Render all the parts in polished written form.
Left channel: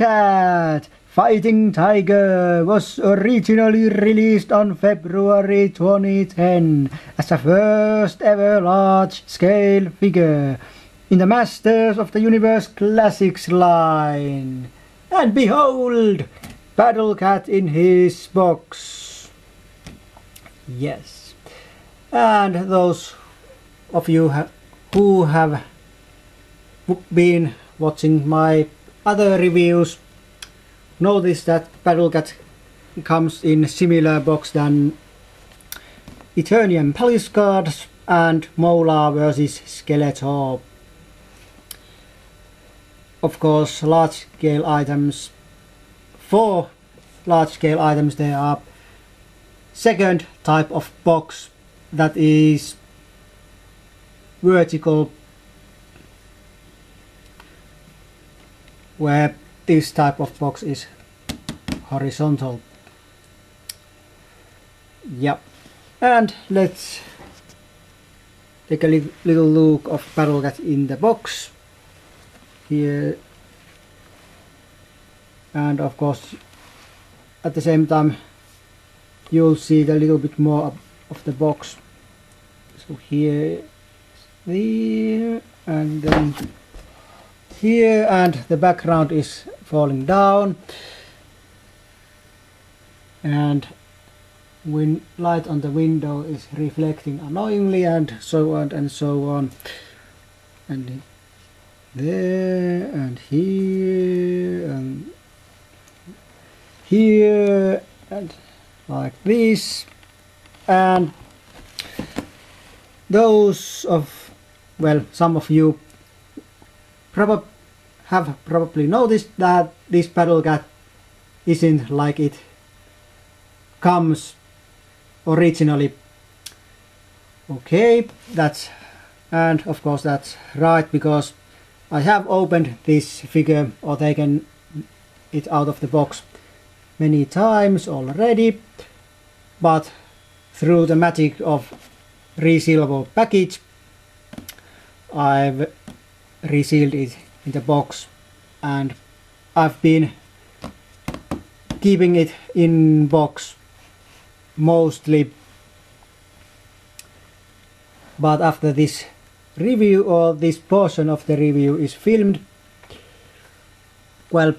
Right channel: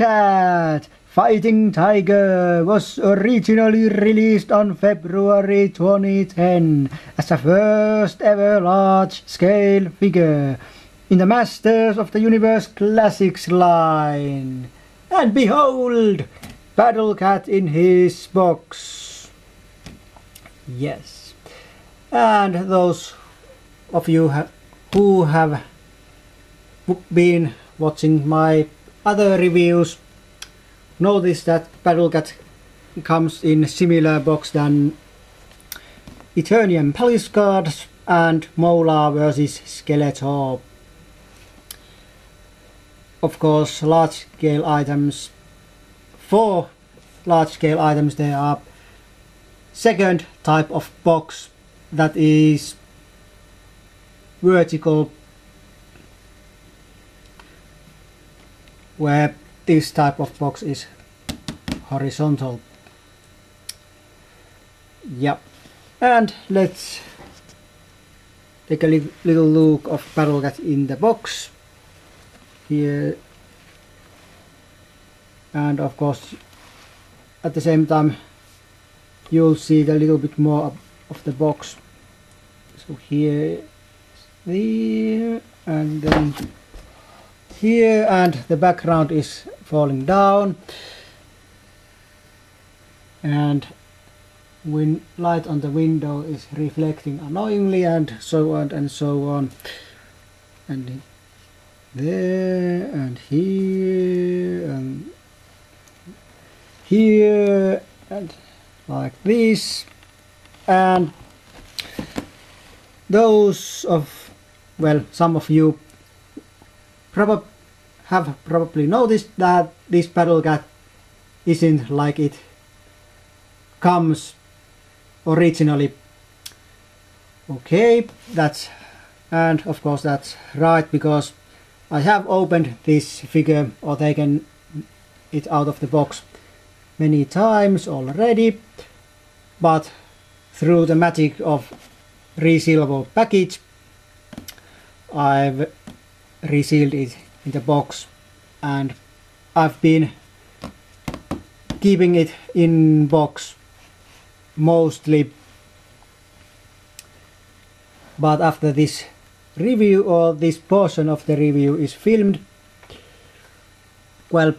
Cat Fighting Tiger was originally released on February 2010 as a first ever large-scale figure in the Masters of the Universe Classics line. And behold, Battle Cat in his box. Yes. And those of you who have been watching my other reviews notice that Battle Cat comes in similar box than Eternium Palace cards and Mola vs Skeletor. Of course, large scale items. For large scale items there are second type of box that is vertical, where this type of box is horizontal. Yep. And let's take a little look of Battle Cat in the box here. And of course, at the same time, you'll see a little bit more of the box. So here, there, and then here, and the background is falling down, and when light on the window is reflecting annoyingly, and so on and so on, and there and here and here and like this. And those of, well, some of you have probably noticed that this Battle Cat isn't like it comes originally. Okay, and of course that's right, because I have opened this figure or taken it out of the box many times already, but through the magic of resealable package I've resealed it in the box, and I've been keeping it in box mostly. But after this review, or this portion of the review is filmed, well,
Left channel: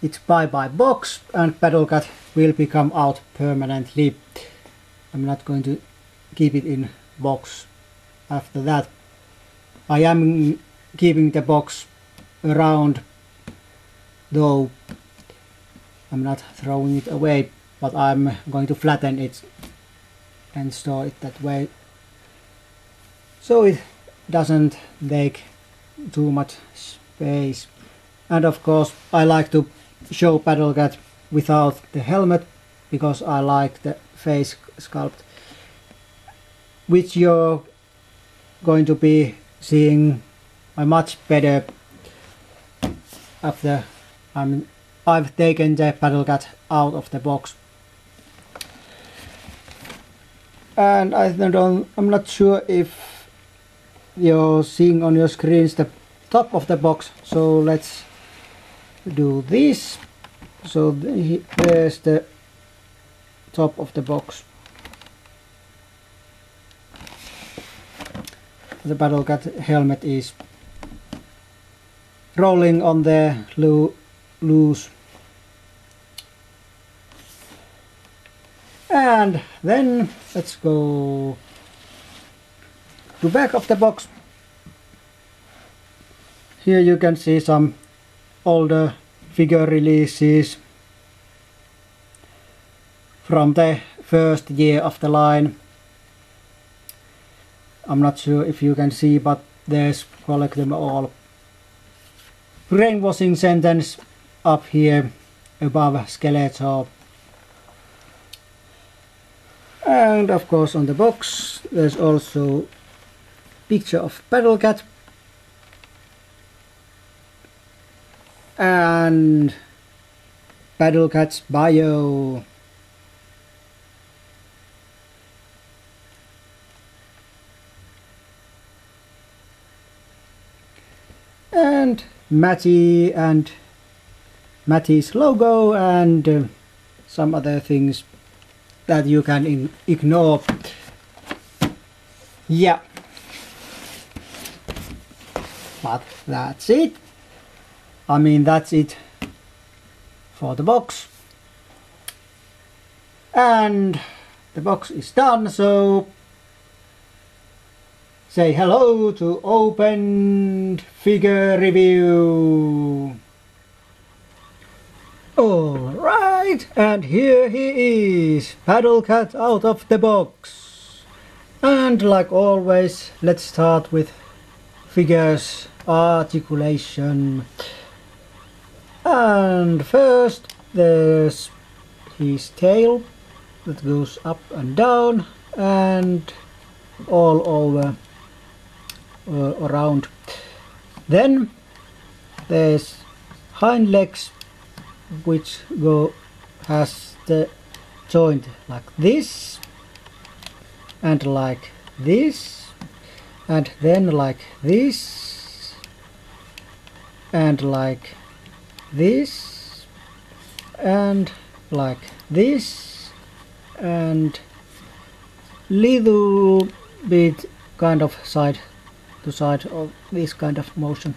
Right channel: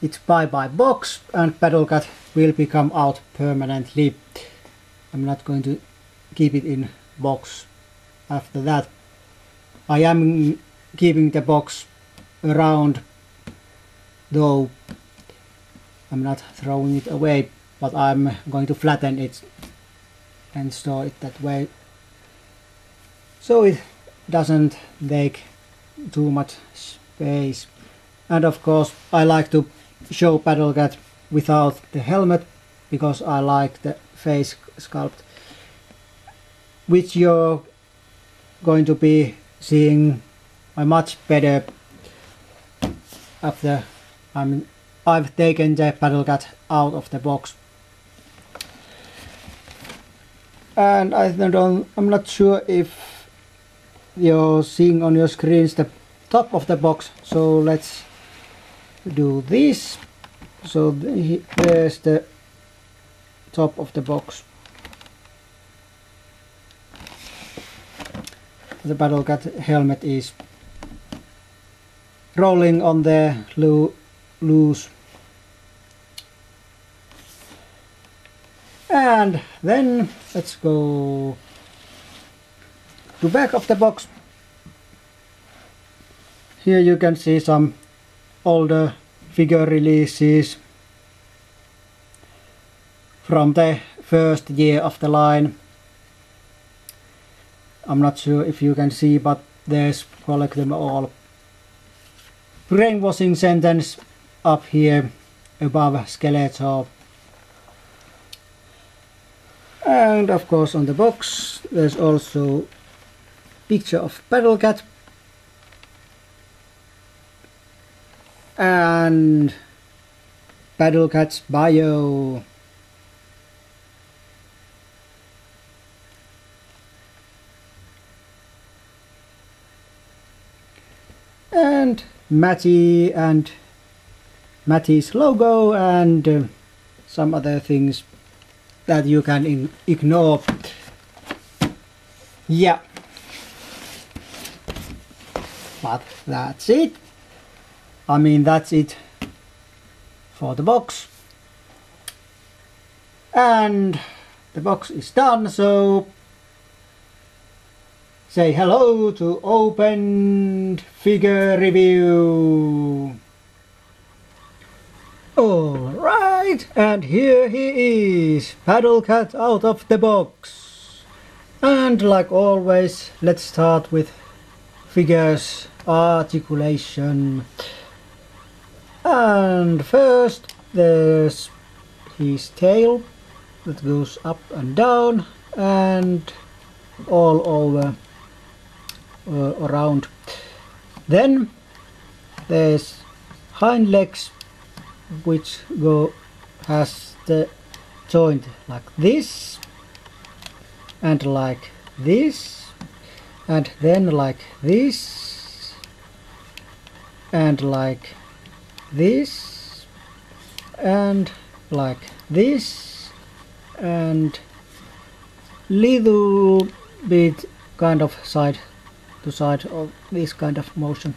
it's bye-bye box, and Battle Cat will become out permanently. I'm not going to keep it in box after that. I am keeping the box around, though I'm not throwing it away, but I'm going to flatten it and store it that way, so it doesn't take too much space. And of course I like to show Battle Cat without the helmet, because I like the face sculpt, which you're going to be seeing much better after I've taken the Battle Cat out of the box. And I'm not sure if you're seeing on your screens the top of the box, so let's do this. So there's the top of the box. The Battle Cat helmet is rolling on the loose. And then let's go to back of the box. Here you can see some older figure releases from the first year of the line. I'm not sure if you can see, but there's Collect Them All brainwashing sentence up here above Skeletor. And of course on the box there's also picture of Battle Cat and Battle Cat's bio. And Matty and Matisse logo and some other things that you can ignore. Yeah, but that's it. I mean, that's it for the box. And the box is done, so say hello to opened figure review. Alright, and here he is, Paddle Cat out of the box. And like always, let's start with figures articulation. And first there's his tail that goes up and down and all over around. Then there's hind legs, which has the joint like this and like this, and then like this and like this and like this, and little bit kind of side to side of this kind of motion.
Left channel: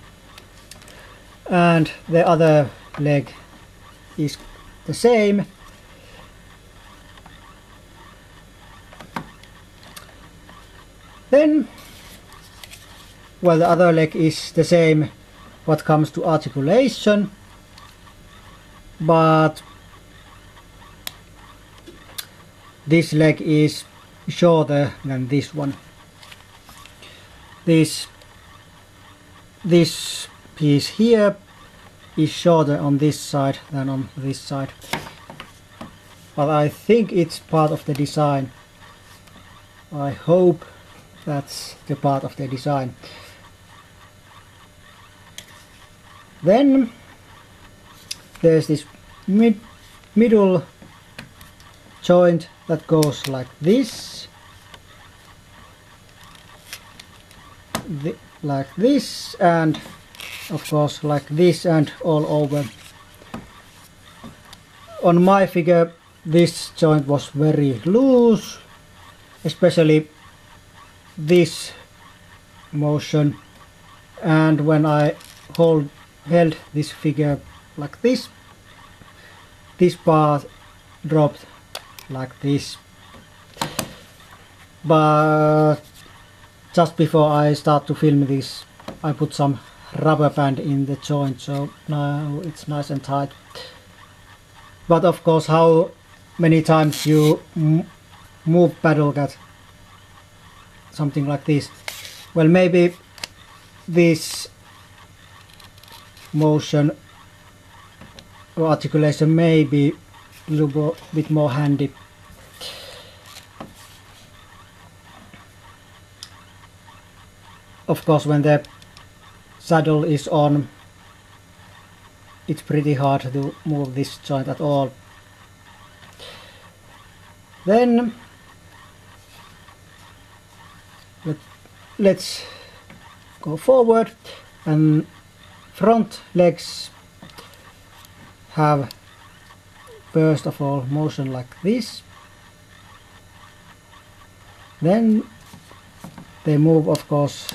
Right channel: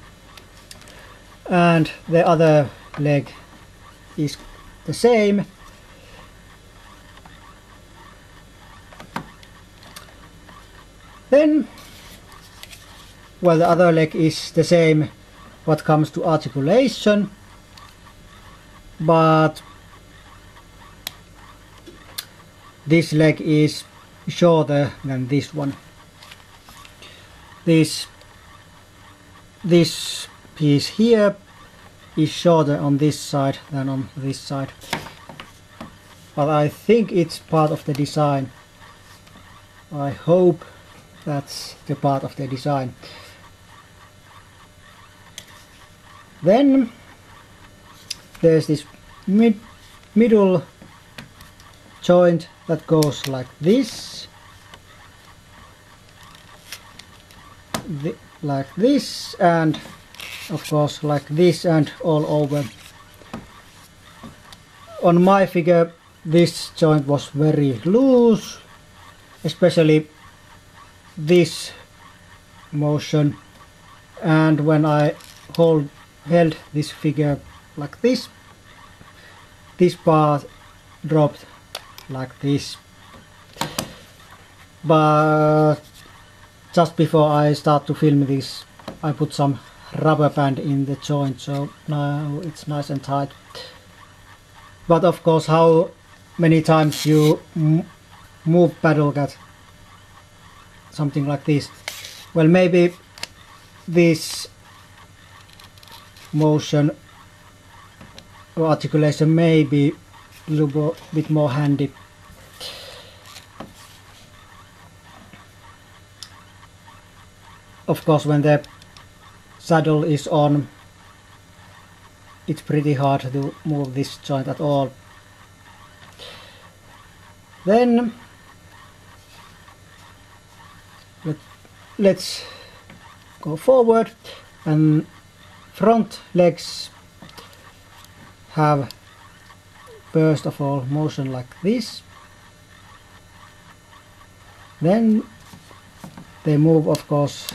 And the other leg is the same. Then, well, the other leg is the same what comes to articulation, but this leg is shorter than this one. This piece here is shorter on this side than on this side, but I think it's part of the design. I hope that's the part of the design. Then there's this middle joint that goes like this, like this, and of course like this, and all over. On my figure this joint was very loose, especially this motion, and when I held this figure like this, this part dropped like this. But just before I start to film this, I put some rubber band in the joint, so now it's nice and tight. But of course, how many times you move Paddle Cat, something like this, well, maybe this motion or articulation may be a little bit more handy. Of course, when the saddle is on, it's pretty hard to move this joint at all. Then let's go forward, and front legs have first of all motion like this, then they move of course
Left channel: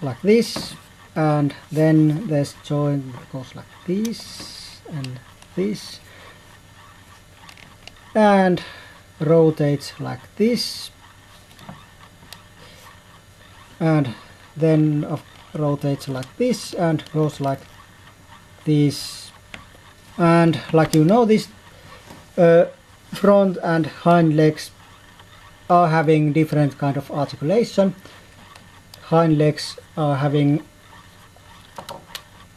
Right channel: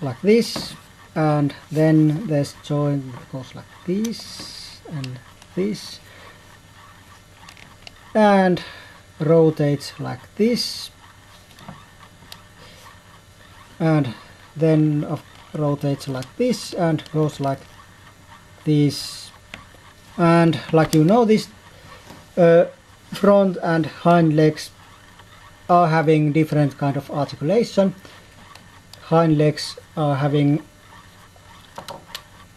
like this, and then this joint goes like this and this, and rotates like this, and then rotates like this and goes like this. And like you know, this front and hind legs are having different kind of articulation. Hind legs are having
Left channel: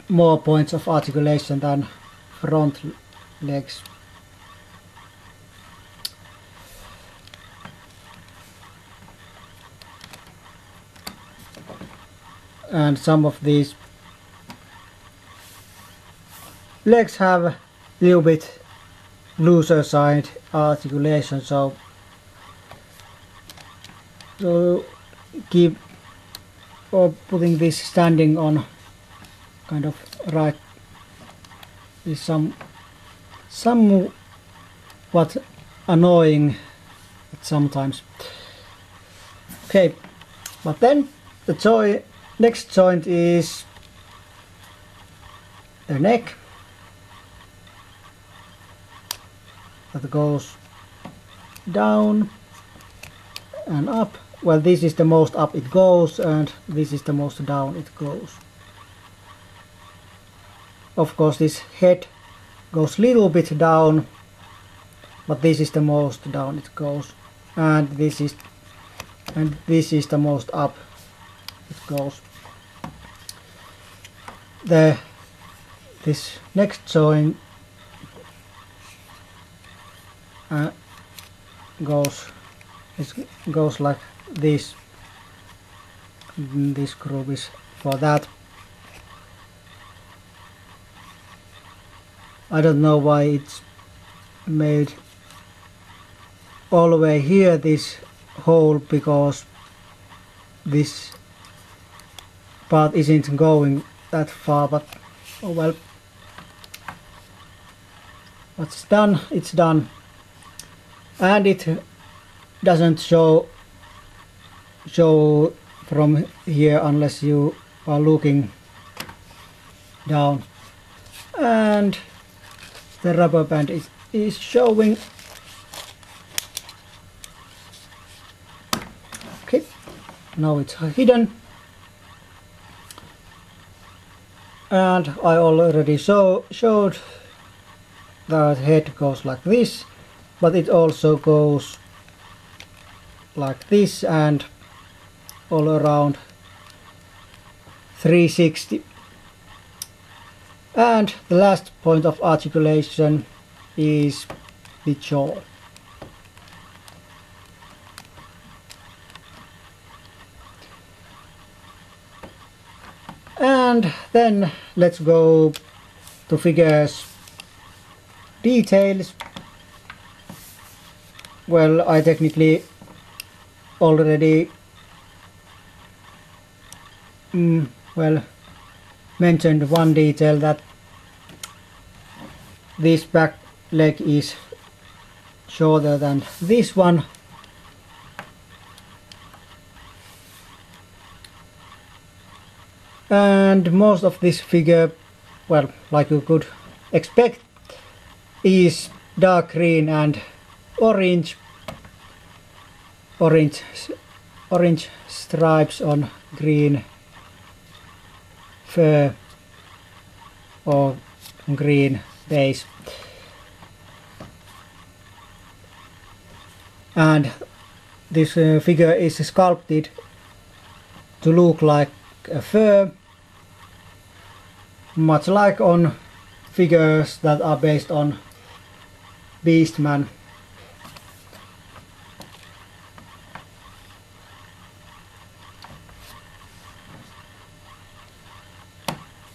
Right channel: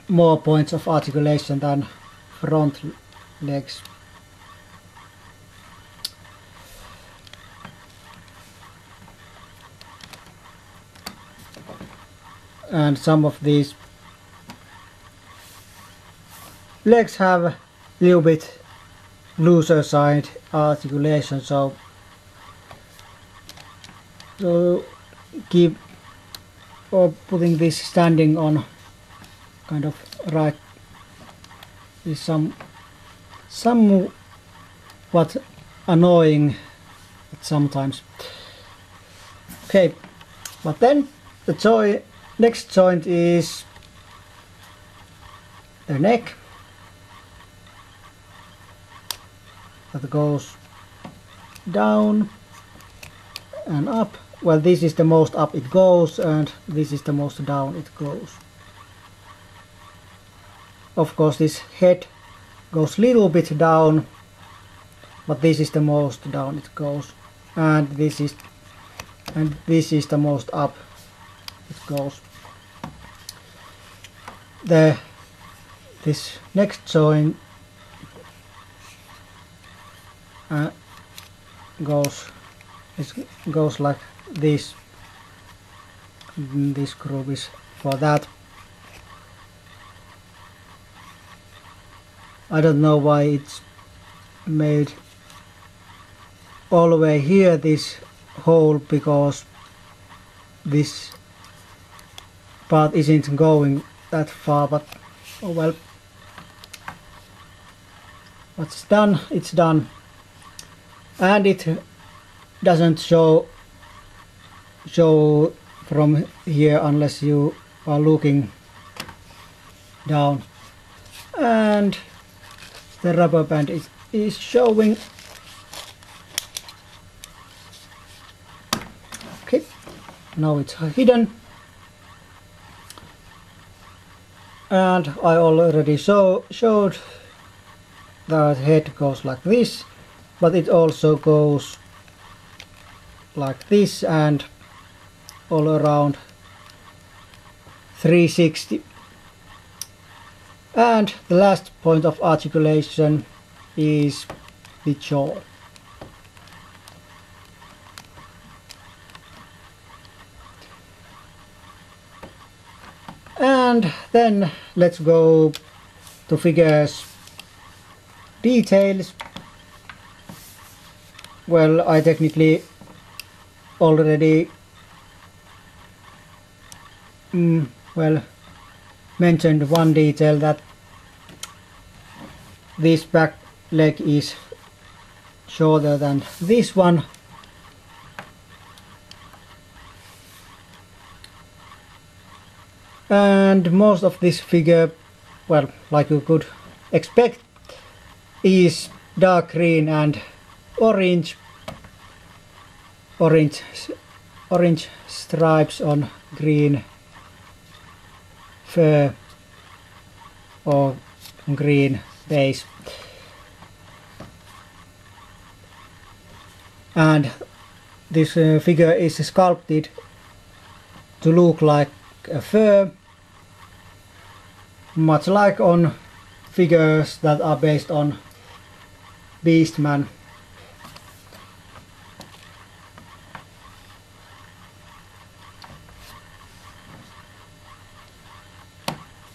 more points of articulation than front legs. And some of these legs have a little bit looser side articulation, so keep or putting this standing on kind of right is somewhat annoying sometimes. Okay, but then the next joint is a neck that goes down and up. Well, this is the most up it goes, and this is the most down it goes. Of course, this head goes a little bit down, but this is the most down it goes, and this is the most up it goes. This next joint goes like this. This groove is for that. I don't know why it's made all the way here, this hole, because this part isn't going that far, but oh well. What's done, it's done. And it doesn't show from here unless you are looking down. And the rubber band is showing. Okay, now it's hidden. And I already showed that head goes like this, but it also goes like this and all around 360. And the last point of articulation is the jaw. And then let's go to figures details. Well, I technically already mentioned one detail, that this back leg is shorter than this one. And most of this figure, well, like you could expect, is dark green and orange stripes on green fur or green base. And this figure is sculpted to look like a fur, much like on figures that are based on Beastman.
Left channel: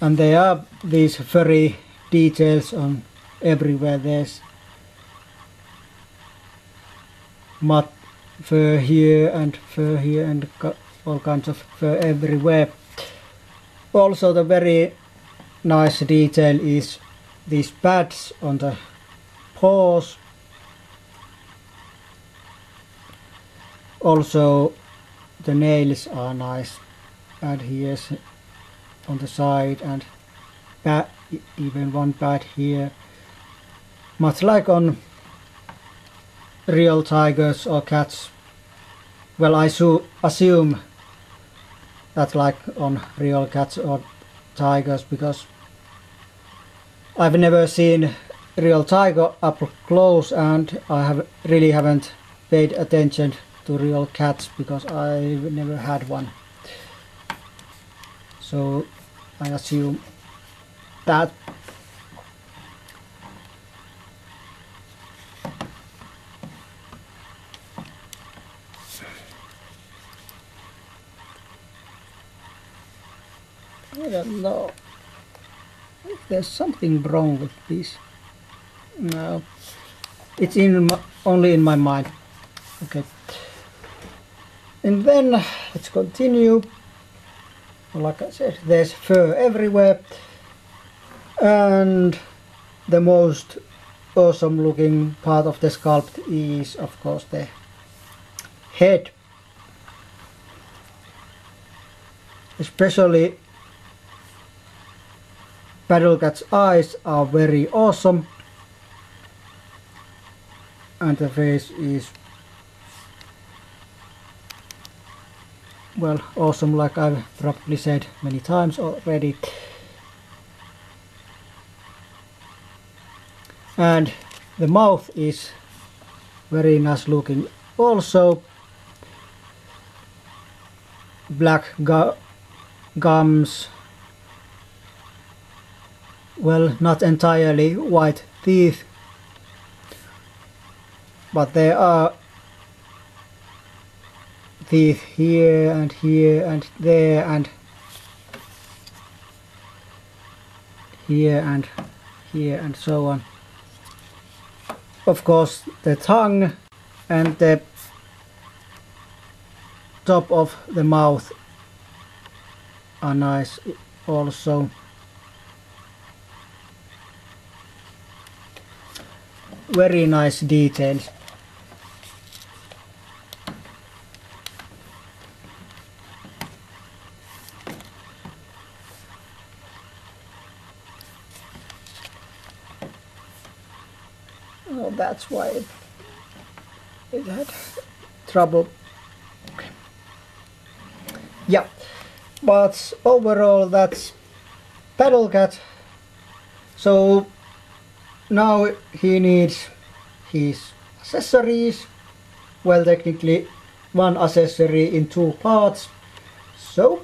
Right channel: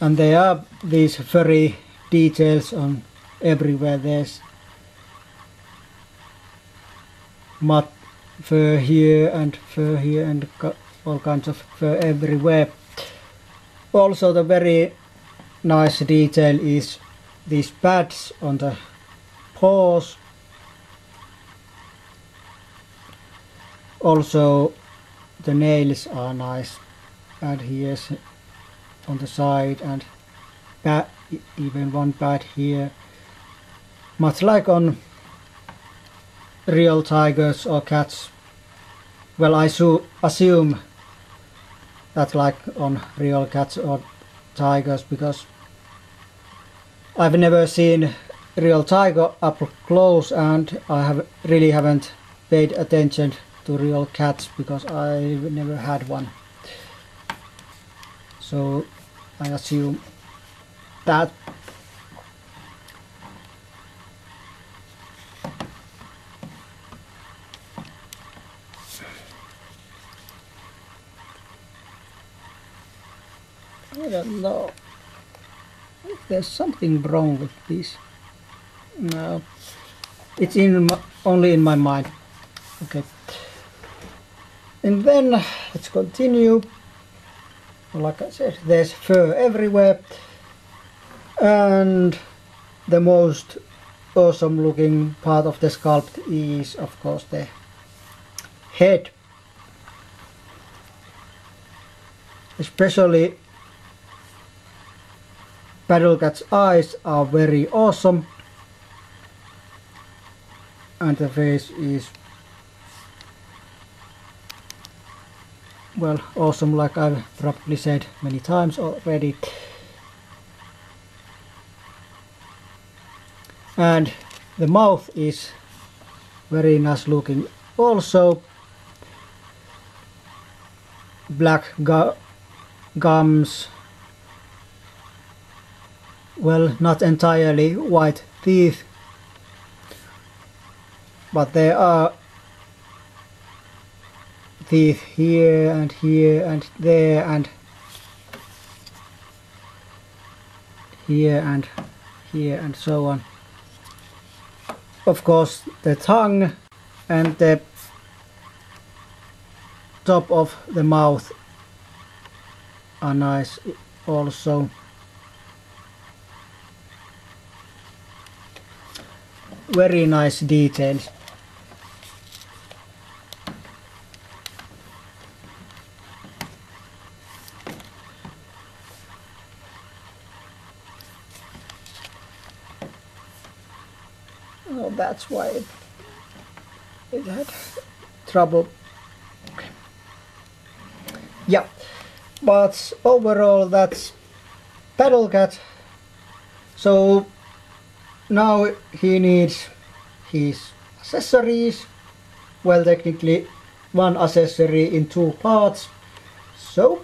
And there are these furry details on everywhere. There's mud fur here and all kinds of fur everywhere. Also, the very nice detail is these pads on the paws. Also, the nails are nice, and here's on the side, and even one pad here, much like on real tigers or cats. Well, I assume that like on real cats or tigers, because I've never seen real tiger up close, and I really haven't paid attention to real cats because I've never had one. So I assume that. I don't know if there's something wrong with this. No, it's only in my mind. Okay, and then let's continue. Like I said, there's fur everywhere, and the most awesome looking part of the sculpt is of course the head. Especially Battlecat's eyes are very awesome, and the face is, well, awesome, like I've probably said many times already. And the mouth is very nice looking also. Black gums, well, not entirely white teeth, but there are teeth here and there and here and so on. Of course, the tongue and the top of the mouth are nice also. Very nice details. Oh, that's why it had trouble. Yeah, but overall that's Battlecat. So now he needs his accessories. Well, technically one accessory in two parts. So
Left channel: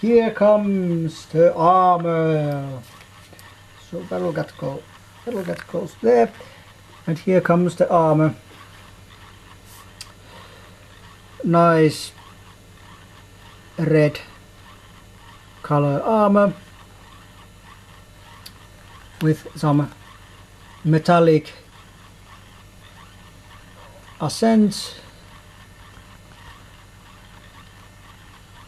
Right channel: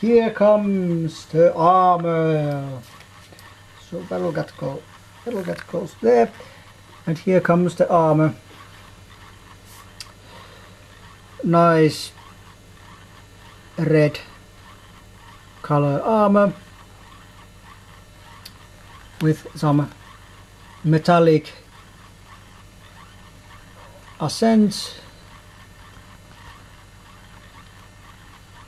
here comes the armor. So Battlecat goes there, and here comes the armor. Nice red color armor with some metallic accents,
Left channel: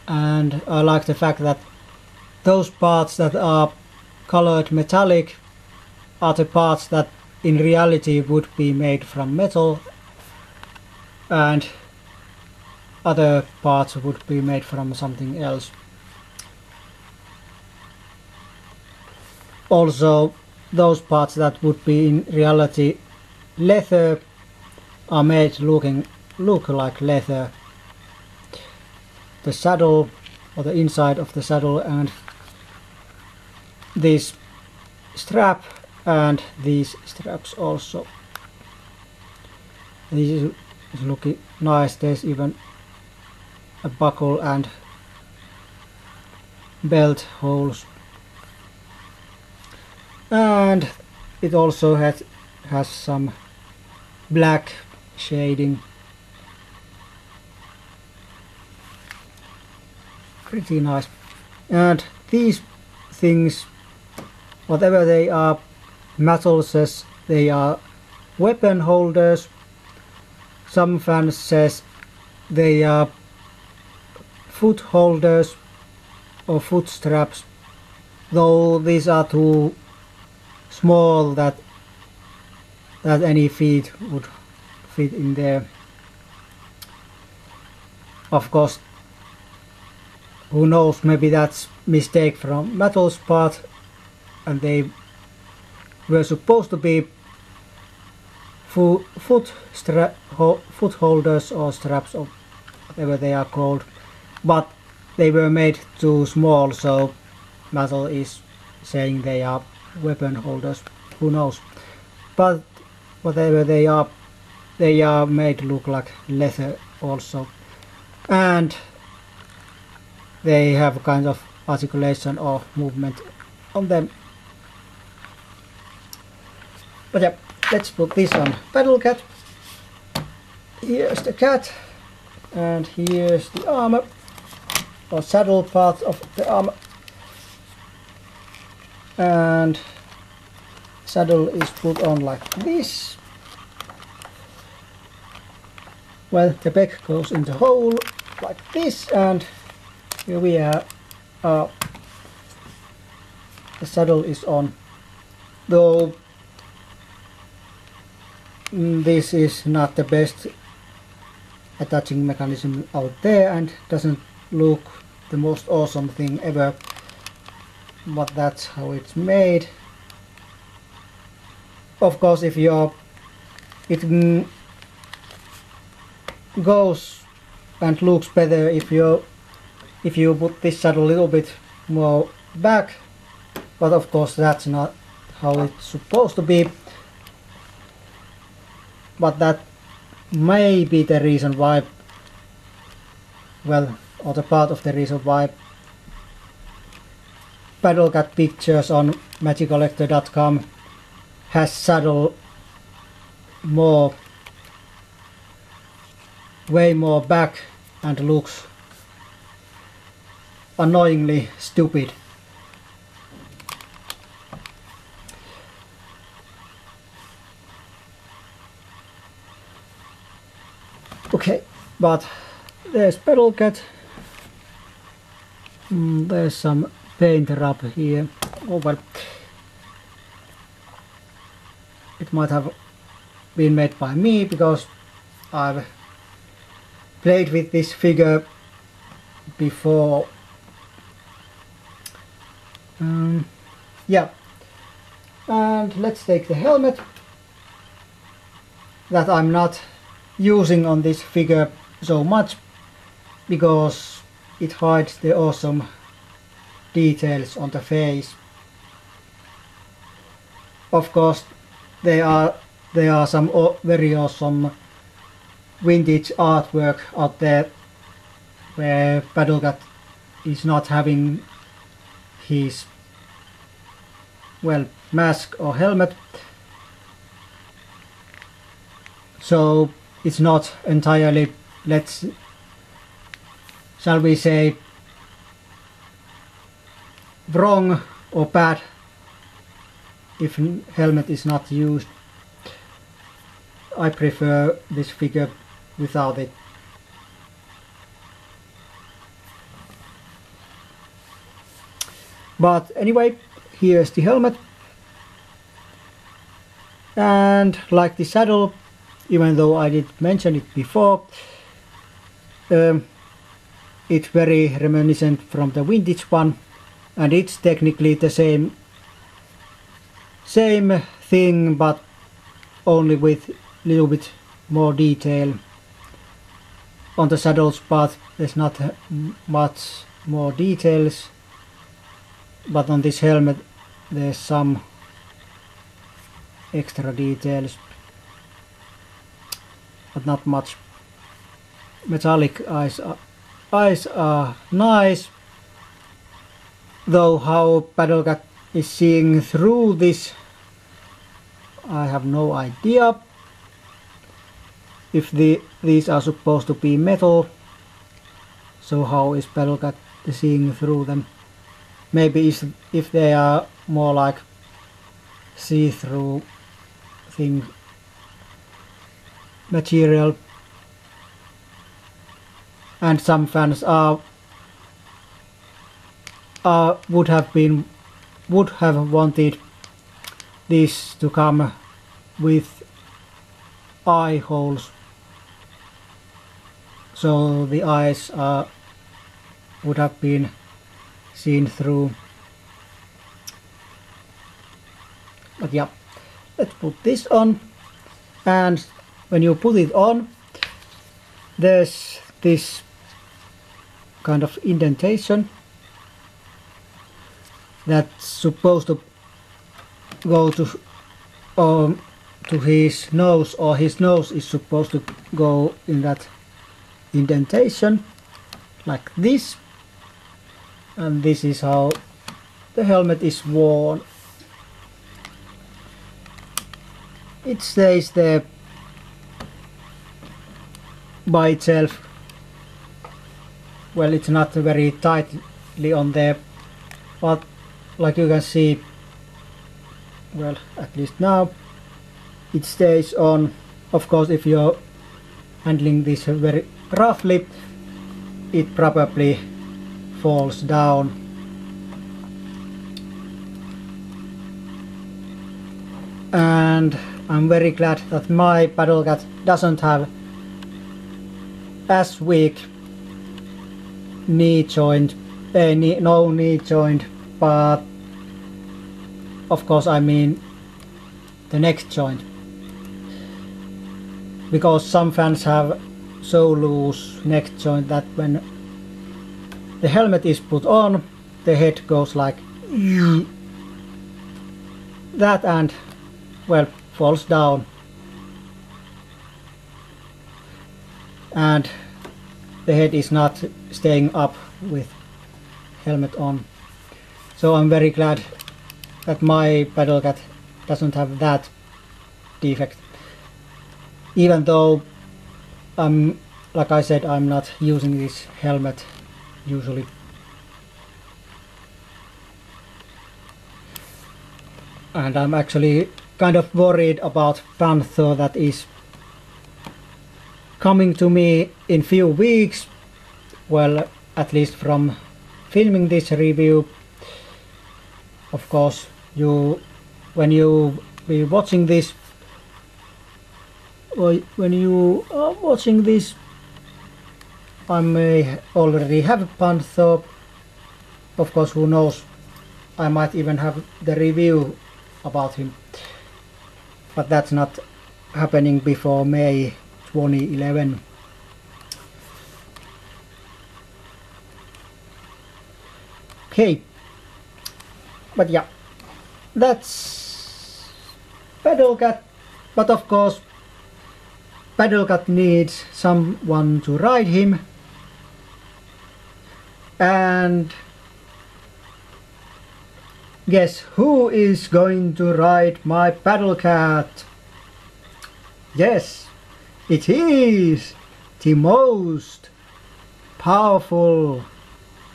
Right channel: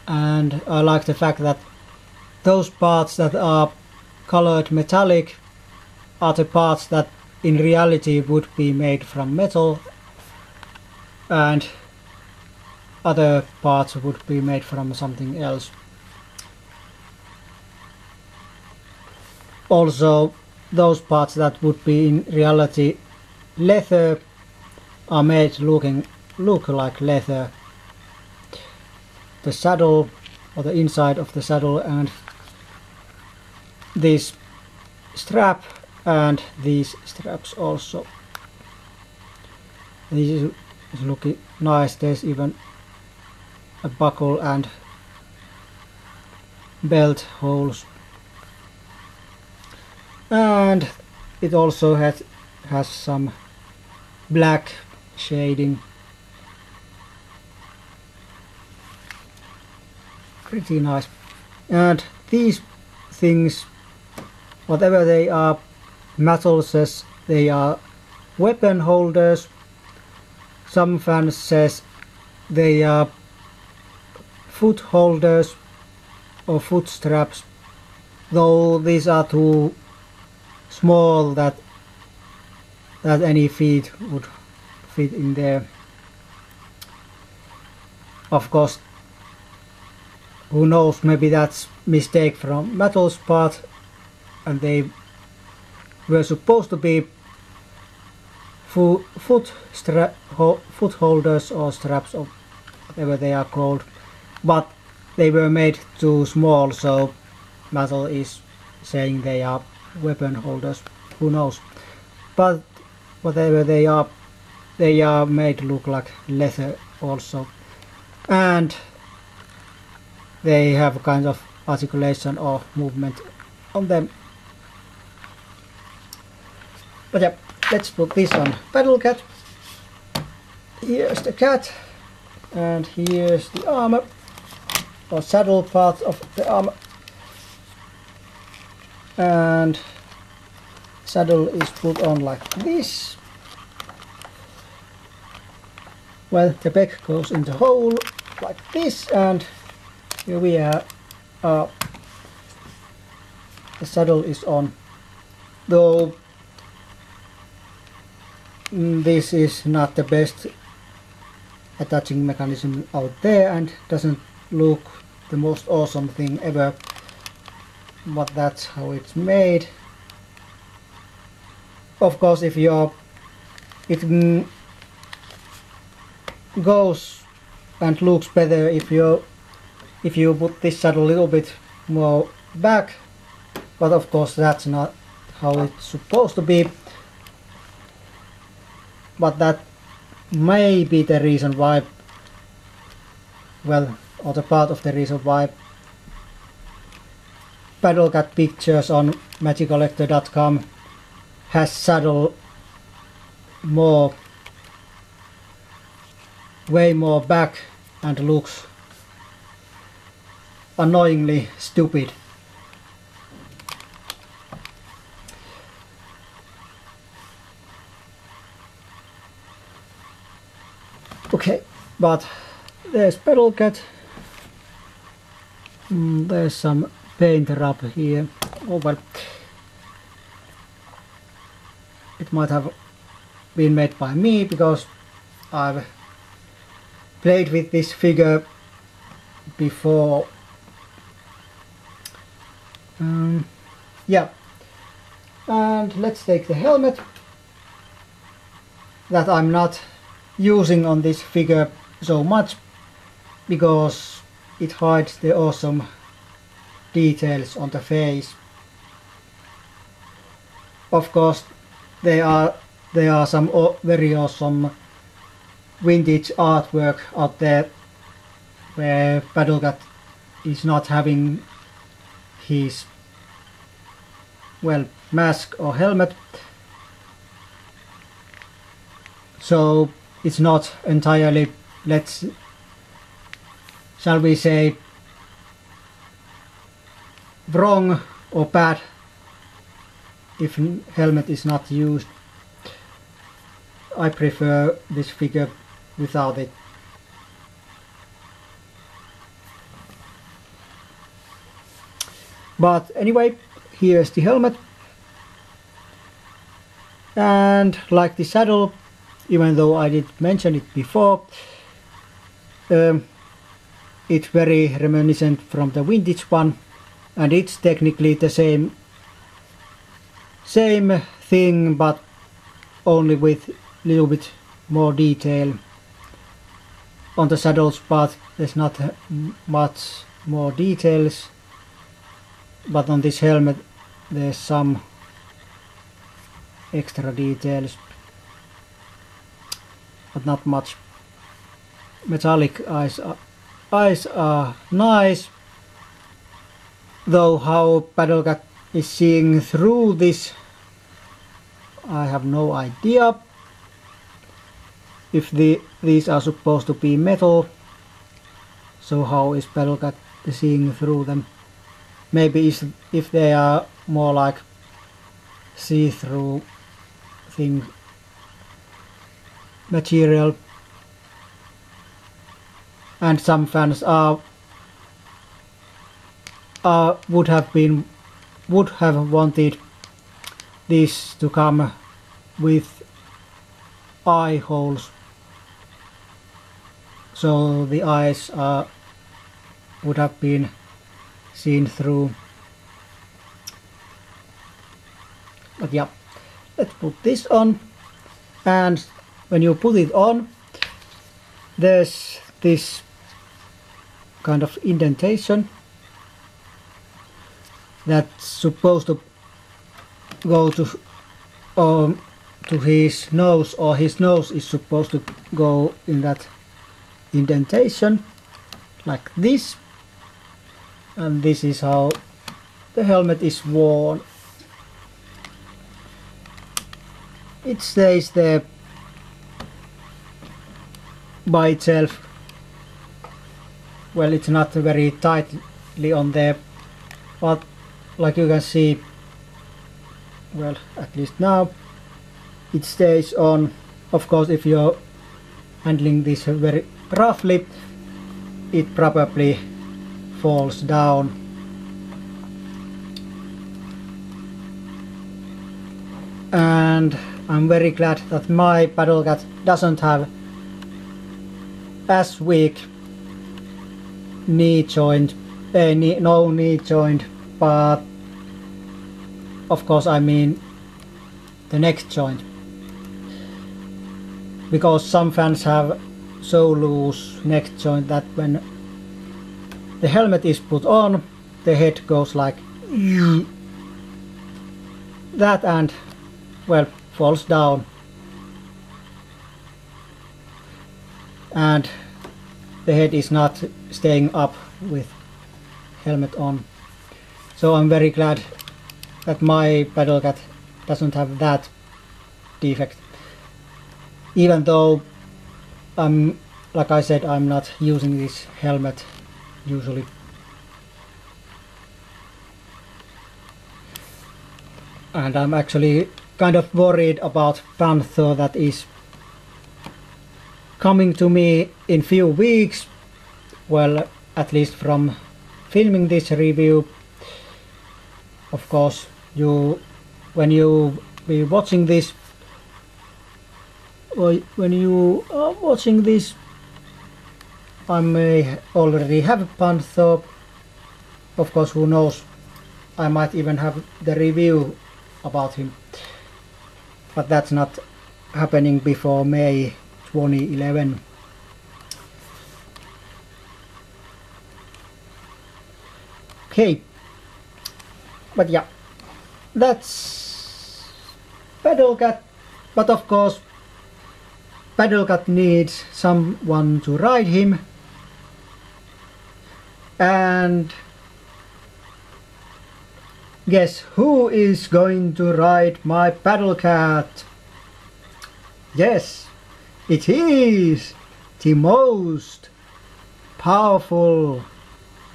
and I like the fact that those parts that are colored metallic are the parts that in reality would be made from metal, and other parts would be made from something else. Also, those parts that would be in reality leather are made to look like leather. The saddle, or the inside of the saddle, and this strap and these straps also. This is looking nice. There's even a buckle and belt holes, and it also has some black shading. Pretty nice. And these things, whatever they are, Mattel says they are weapon holders. Some fans says they are foot holders or foot straps, though these are too small that any feet would fit in there. Of course, who knows, maybe that's mistake from Mattel's part, and they were supposed to be foot holders or straps or whatever they are called, but they were made too small, so Mattel is saying they are weapon holders. Who knows? But whatever they are made to look like leather also, and they have kind of articulation or movement on them. But yeah, let's put this on Battlecat. Here's the cat, and here's the armor, or saddle part of the armor, and saddle is put on like this. Well, the back goes in the hole like this, and here we are. The saddle is on. though this is not the best attaching mechanism out there and doesn't look the most awesome thing ever, but that's how it's made. Of course, if it goes and looks better if you put this saddle a little bit more back, but of course that's not how it's supposed to be. But that may be the reason why, well, or the part of the reason why Paddlecat Pictures on MagicCollector.com has saddle way more back and looks annoyingly stupid. Okay, but there's Paddlecat. There's some paint rub here. Oh well, it might have been made by me because I've played with this figure before. Yeah, and let's take the helmet that I'm not using on this figure so much because it hides the awesome details on the face. Of course, there are some very awesome vintage artwork out there where Paddlecat is not having his, well, mask or helmet, so it's not entirely, shall we say, wrong or bad if helmet is not used. I prefer this figure without it. But anyway, here's the helmet, and like the saddle, even though I did mention it before, it's very reminiscent from the vintage one, and it's technically the same thing, but only with a little bit more detail. On the saddles part there's not much more details, but on this helmet there's some extra details, but not much. Metallic eyes are nice, though how Paddlecat is seeing through this, I have no idea. If these are supposed to be metal, so how is Paddlecat seeing through them? Maybe if they are more like see-through thing material. And some fans would have wanted this to come with eye holes, so the eyes would have been seen through. But yeah, let's put this on, and when you put it on, there's this kind of indentation that's supposed to go to his nose, or his nose is supposed to go in that indentation like this, and this is how the helmet is worn. It stays there by itself. Well, it's not very tightly on there, but like you can see, well, at least now it stays on. Of course, if you're handling this very roughly, it probably falls down. and I'm very glad that my Battle Cat doesn't have as weak knee joint, no knee joint, but of course I mean the neck joint, because some fans have so loose neck joint that when the helmet is put on, the head goes like that and, well, falls down, and the head is not staying up with helmet on. So I'm very glad that my Battle Cat doesn't have that defect, even though like I said, I'm not using this helmet usually. And I'm actually kind of worried about Panther that is coming to me in few weeks. Well, at least from filming this review. Of course, when you be watching this, when you are watching this, I may already have Panther. Of course, who knows, I might even have the review about him, but that's not happening before May 2011. Okay, but yeah, that's Battle Cat. But of course, Battle Cat needs someone to ride him, and guess who is going to ride my Battle Cat? Yes, it is the most powerful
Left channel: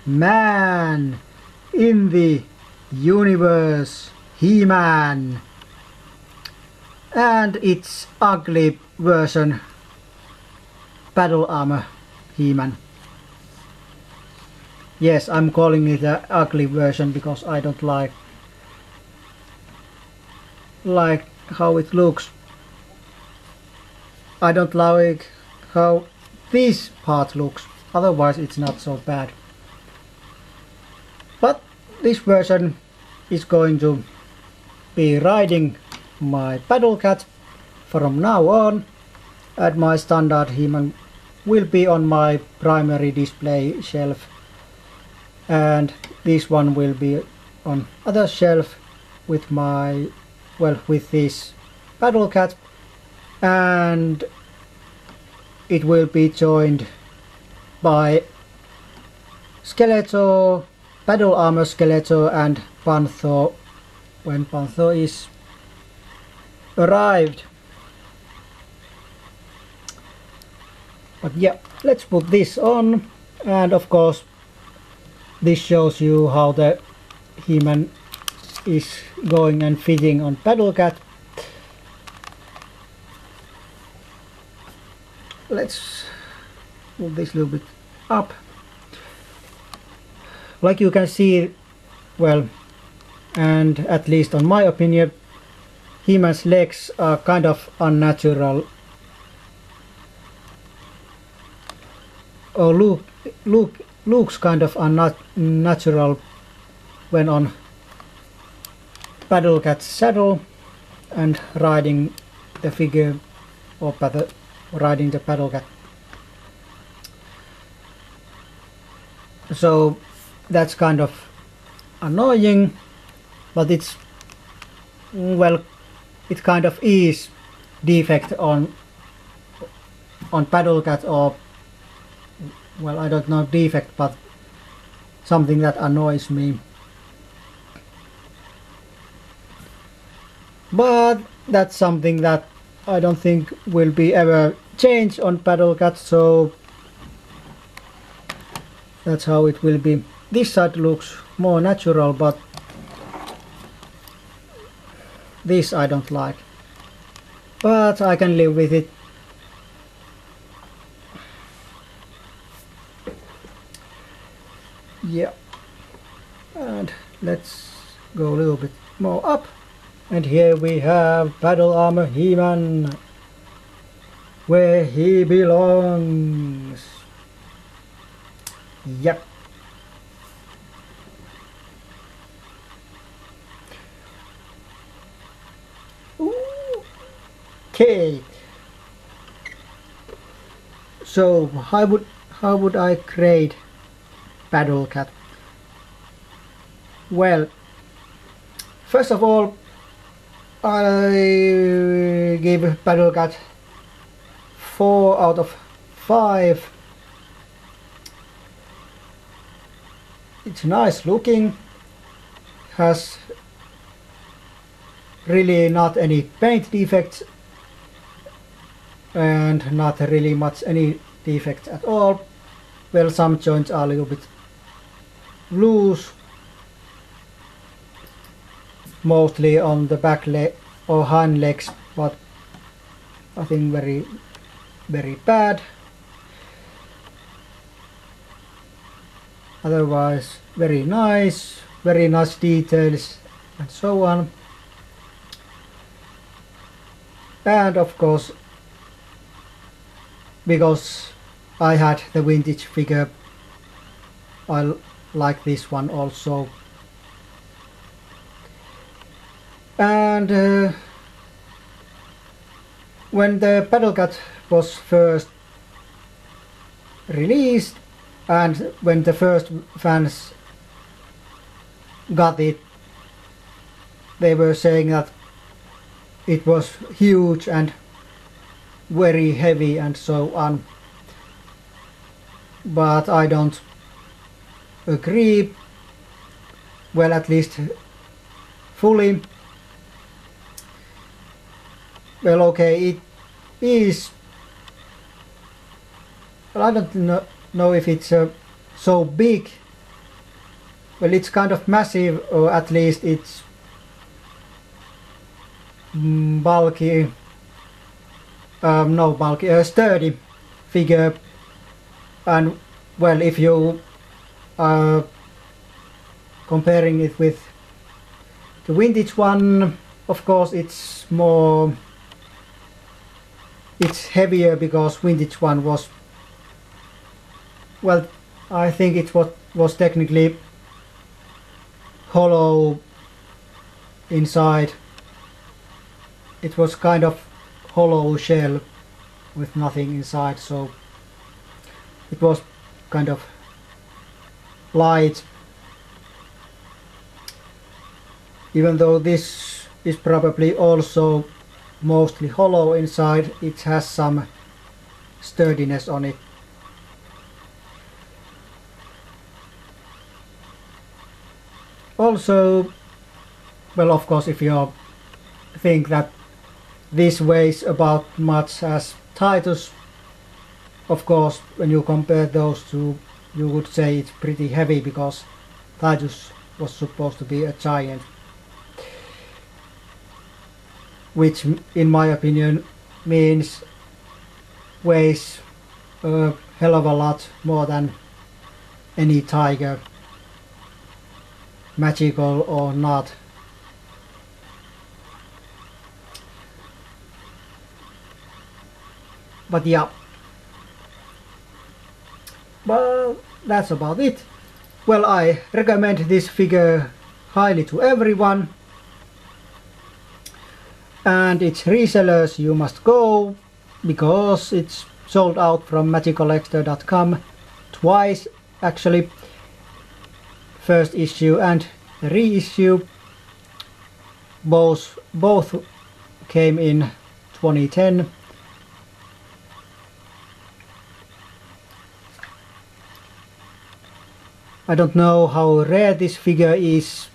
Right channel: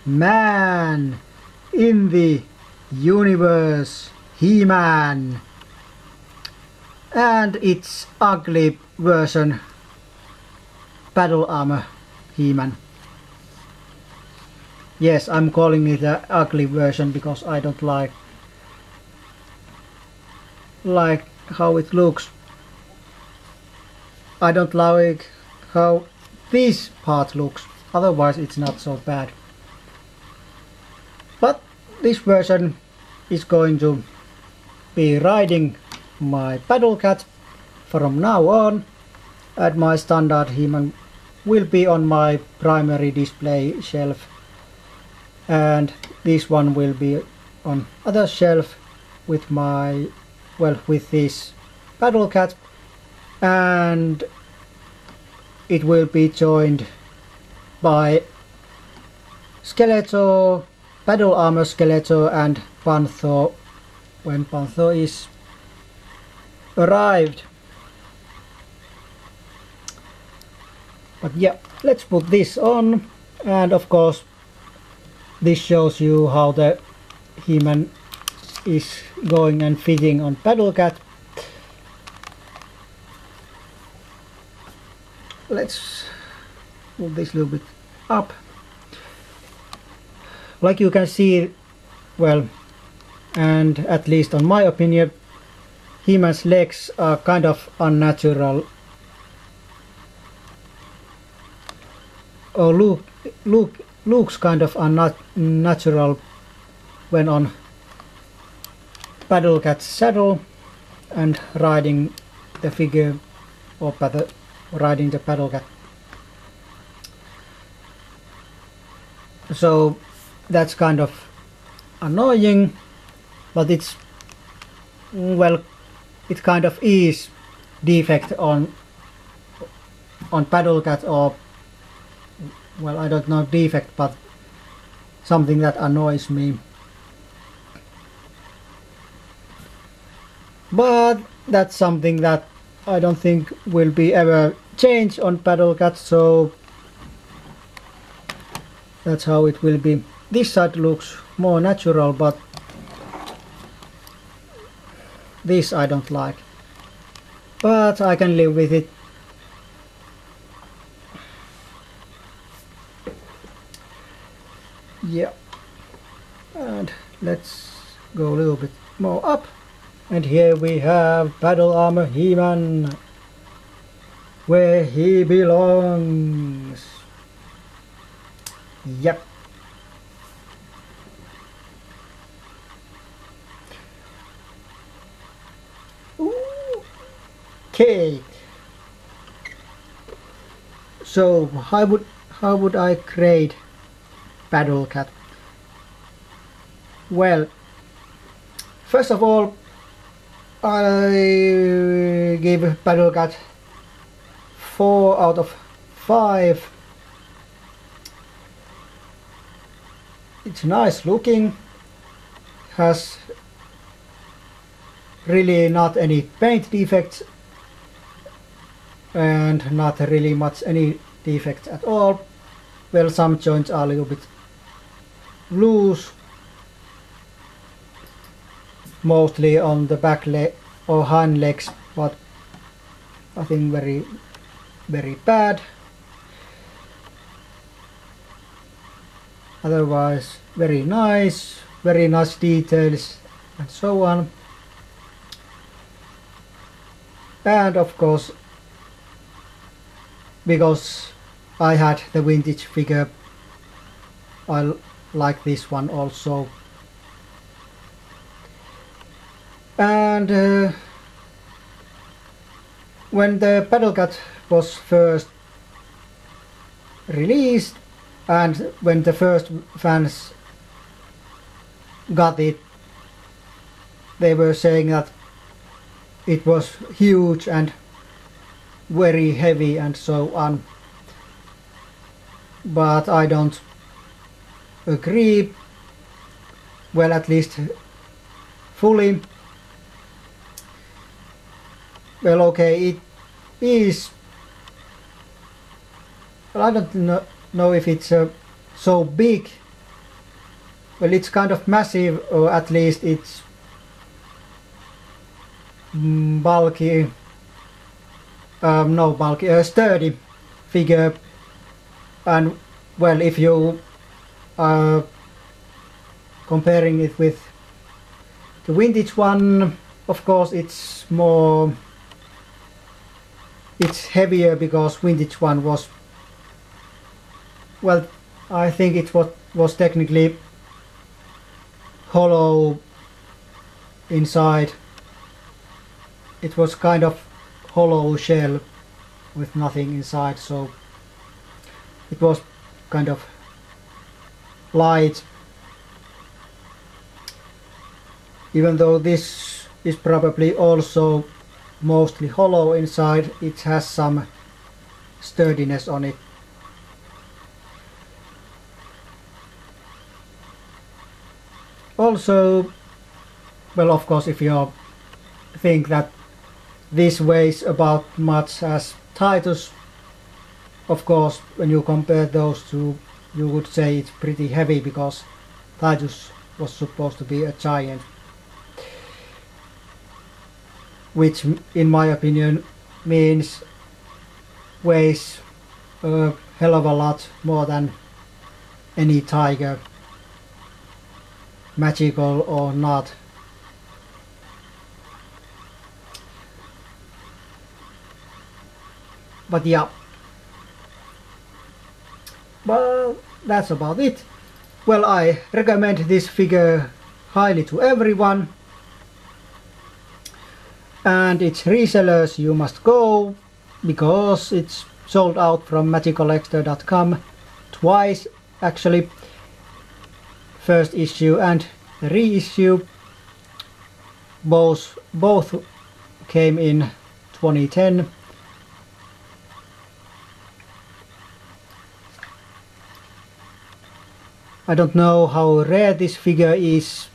man in the universe, He-Man, and its ugly version, Battle Armor He-Man. Yes, I'm calling it an ugly version because I don't like how it looks. I don't like how this part looks, otherwise it's not so bad. But this version is going to be riding my Battle Cat from now on, and my standard He-Man will be on my primary display shelf, and this one will be on other shelf with my, well, with this Battle Cat, and it will be joined by Skeletor, Battle Armor Skeletor, and Panther when Panther is arrived. But yeah, let's put this on, and of course this shows you how the He-Man is going and fitting on Battle Cat. Let's move this a little bit up. Like you can see, well, and at least on my opinion, He-Man's legs are kind of unnatural, or looks kind of unnatural when on Battle Cat's saddle and riding the figure, or riding the Battle Cat. So that's kind of annoying, but it's, well, it kind of is defect on Battle Cat, or, well, I don't know defect, but something that annoys me. But that's something that I don't think will be ever changed on Battle Cat, so that's how it will be. This side looks more natural, but this I don't like. But I can live with it. Yeah. And let's go a little bit more up. And here we have Battle Armor He-Man, where he belongs. Yep. Okay. So how would I create Battle Cat? Well, first of all, I gave Battle Cat 4 out of 5. It's nice looking, has really not any paint defects and not really much any defects at all. Well, some joints are a little bit loose, mostly on the back leg or hind legs, but nothing very bad. Otherwise very nice details and so on. And of course, because I had the vintage figure, I like this one also. And when the Battle Cat was first released, and when the first fans got it, they were saying that it was huge and very heavy and so on. But I don't agree, well, at least fully. Well, okay, it is, well, I don't know if it's so big. Well, it's kind of massive, or at least it's bulky, sturdy figure. And well, if you are comparing it with the vintage one, of course it's heavier, because vintage one was, well, I think it was technically hollow inside. It was kind of hollow shell with nothing inside, so it was kind of light. Even though this is probably also mostly hollow inside, it has some sturdiness on it. Also, well, of course, if you think that this weighs about much as Titus, of course, when you compare those two, you would say it's pretty heavy, because Titus was supposed to be a giant, which in my opinion means weighs a hell of a lot more than any tiger, magical or not. But yeah, well, that's about it. Well, I recommend this figure highly to everyone, and its resellers you must go, because it's sold out from MagicCollector.com twice actually. First issue and the reissue, both came in 2010. I don't know how rare this figure is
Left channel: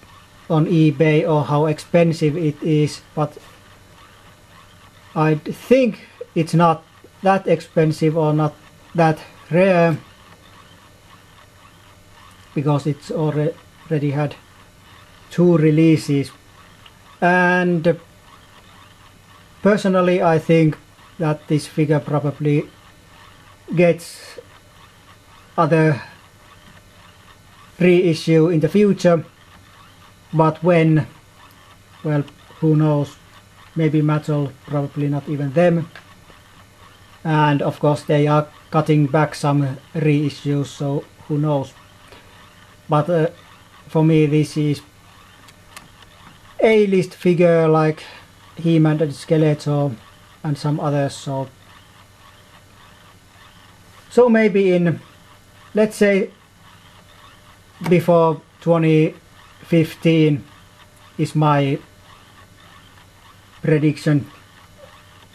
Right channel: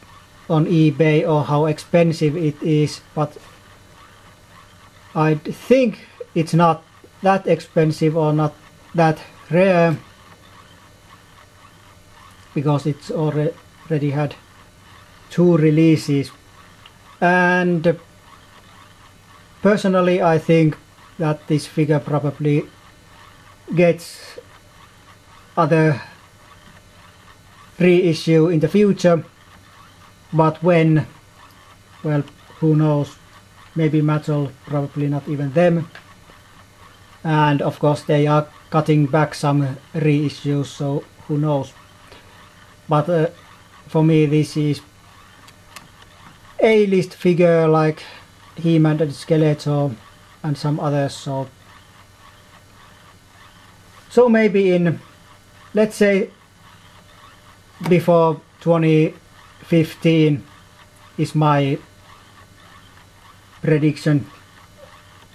on eBay or how expensive it is, but I think it's not that expensive or not that rare, because it's already had 2 releases. And personally, I think that this figure probably gets other reissue in the future, but when, well, who knows, maybe Mattel, probably not even them. And of course they are cutting back some reissues, so who knows. But for me this is A-list figure like He-Man and Skeletor and some others, so maybe in, let's say, before 2015 is my prediction,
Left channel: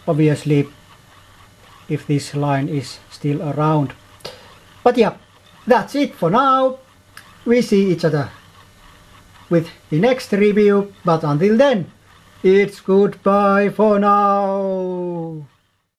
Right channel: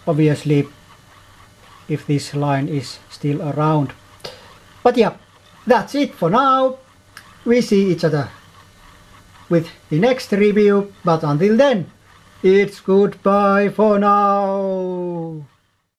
obviously, if this line is still around. But yeah, that's it for now. We see each other with the next review, but until then, it's goodbye for now.